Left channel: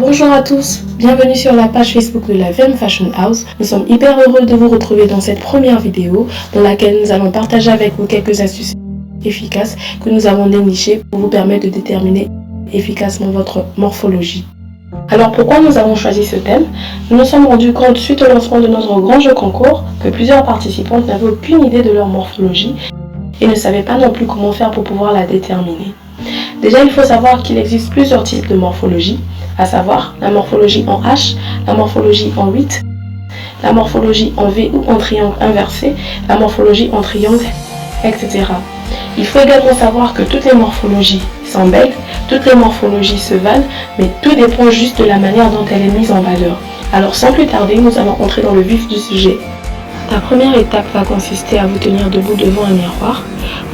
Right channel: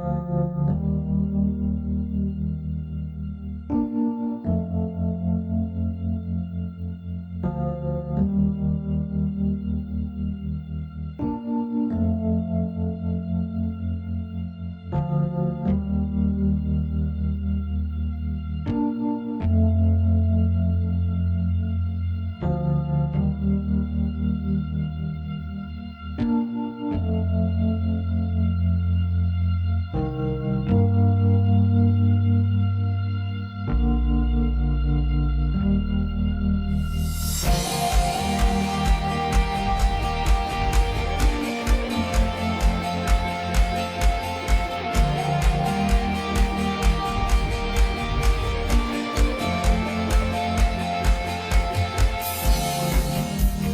Bonjour à tous, bienvenue sur la page Facebook de la VM Fashion House. Nous sommes hyper heureux de vous retrouver dans cette première vidéo dans laquelle nous allons partager avec vous quelques astuces efficaces que nous avons dénichées pour vous permettre de déterminer efficacement votre morphologie. Alors pourquoi nous avons choisi ce thème? Nous nous sommes rendus compte suite au lancement de notre grand jeu concours que plusieurs participantes n'avaient aucune idée de leur morphologie et ne savaient pas non plus comment faire pour pouvoir la déterminer. Déjà, il faut savoir qu'il existe plusieurs types de morphologie, à savoir la morphologie en H, la morphologie en 8, la morphologie en V ou en triangle inversé, la morphologie en triangle, etc. Il faut également savoir que toutes les morphologies sont belles, toutes les morphologies se valent, mais tout dépend juste de la manière dont elle est mise en valeur. Alors sans plus tarder, nous allons entrer dans le vif du sujet. La première étape va consister à vous tenir debout devant un miroir.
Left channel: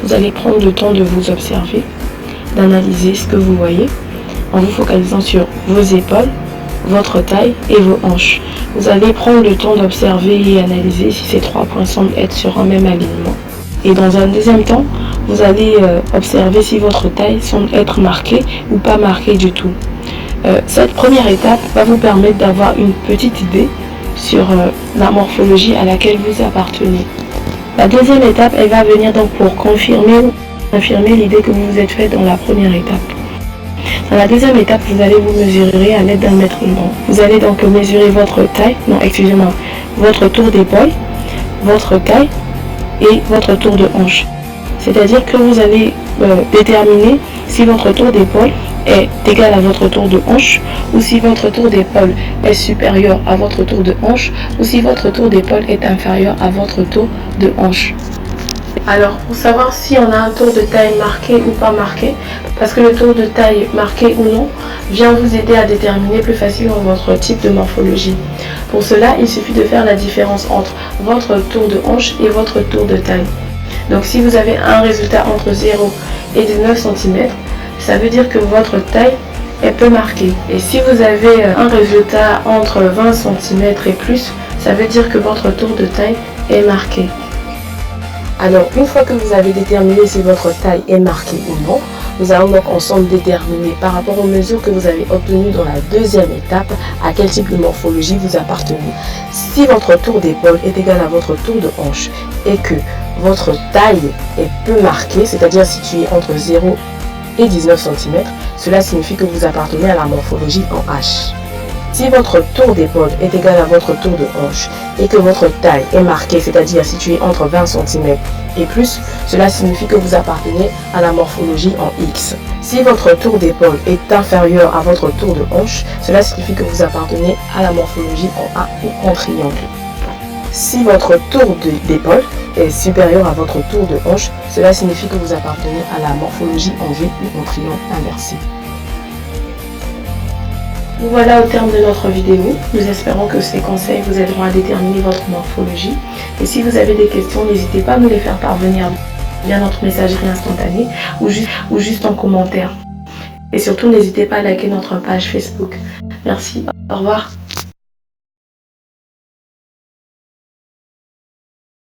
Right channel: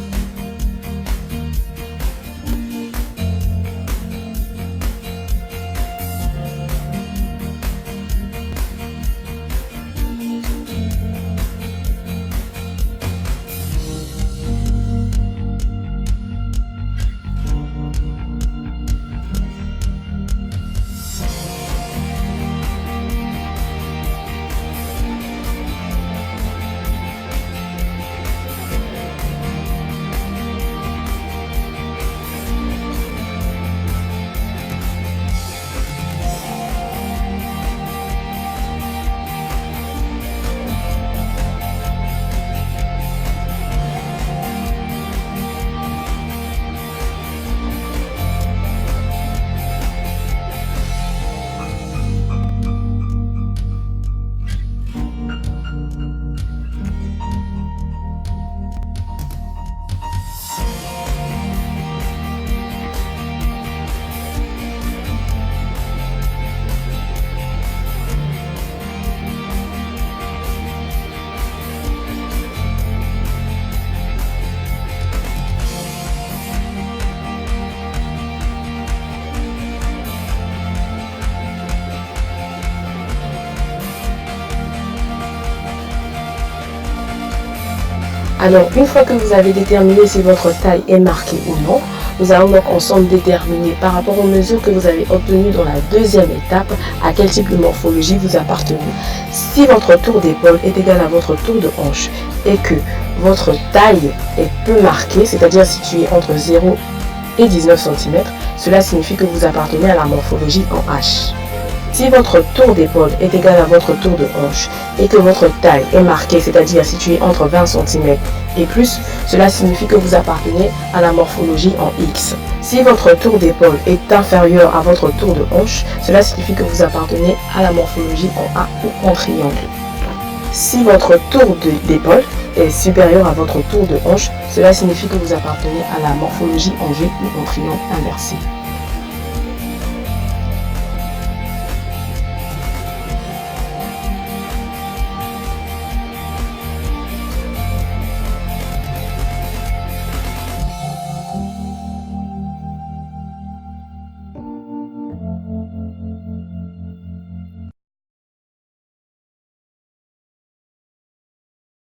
Vous allez prendre le temps de vous observer, d'analyser ce que vous voyez, en vous focalisant sur vos épaules, votre taille et vos hanches. Vous allez prendre le temps d'observer et analyser si ces trois points semblent être sur un même alignement. Et dans un deuxième temps, vous allez observer si votre taille semble être marquée ou pas marquée du tout. Cette première étape va vous permettre d'avoir une petite idée sur la morphologie à laquelle vous appartenez. La deuxième étape, elle va venir donc pour confirmer l'idée que vous vous êtes faite dans la première étape. Dans la deuxième étape, vous allez vous mesurer à l'aide d'un mètre-aimant. Vous allez donc mesurer votre taille, votre tour d'épaule, votre taille et votre tour de hanche. C'est-à-dire que vous allez déterminer si votre tour d'épaule est égal à votre tour de hanche ou si votre tour d'épaule est supérieur à votre tour de hanche ou si votre tour d'épaule est inférieur à votre tour de hanche. Alors, pour savoir si on a un tour de taille marqué ou pas marqué, parce que le tour de taille marqué ou non vient vous aider à déterminer plus facilement votre type de morphologie. Pour cela, il suffit de faire la différence entre votre tour de hanche et votre tour de taille. Donc si vous avez un résultat entre 0 et 19 cm, ça veut dire que votre taille est peu marquée. Et si vous avez un résultat entre 20 cm et plus, ça veut dire que votre tour de taille est marqué. Alors, une fois que vous avez déterminé si votre taille est marquée ou non, nous allons donc ensemble déterminer par rapport aux mesures que vous avez obtenues dans la deuxième étape à quel type de morphologie vous appartenez. Si votre tour d'épaule est égal à votre tour de hanche et que votre taille est peu marquée, c'est-à-dire située entre 0 et 19 cm, cela signifie que vous appartenez à la morphologie en H. Si votre tour d'épaule est égal à votre tour de hanche et que votre taille est marquée, c'est-à-dire située entre 20 cm et plus, cela signifie que vous appartenez à la morphologie en X. Si votre tour d'épaule est inférieur à votre tour de hanche, cela signifie que vous appartenez à la morphologie en A ou en triangle. Si votre tour d'épaule est supérieur à votre tour de hanche, cela signifie que vous appartenez à la morphologie en V ou en triangle inversé. Voilà au terme de notre vidéo. Nous espérons que ces conseils vous aideront à déterminer votre morphologie. Et si vous avez des questions, n'hésitez pas à nous les faire parvenir via notre messagerie instantanée ou juste en commentaire. Et surtout, n'hésitez pas à liker notre page Facebook. Merci. Au revoir.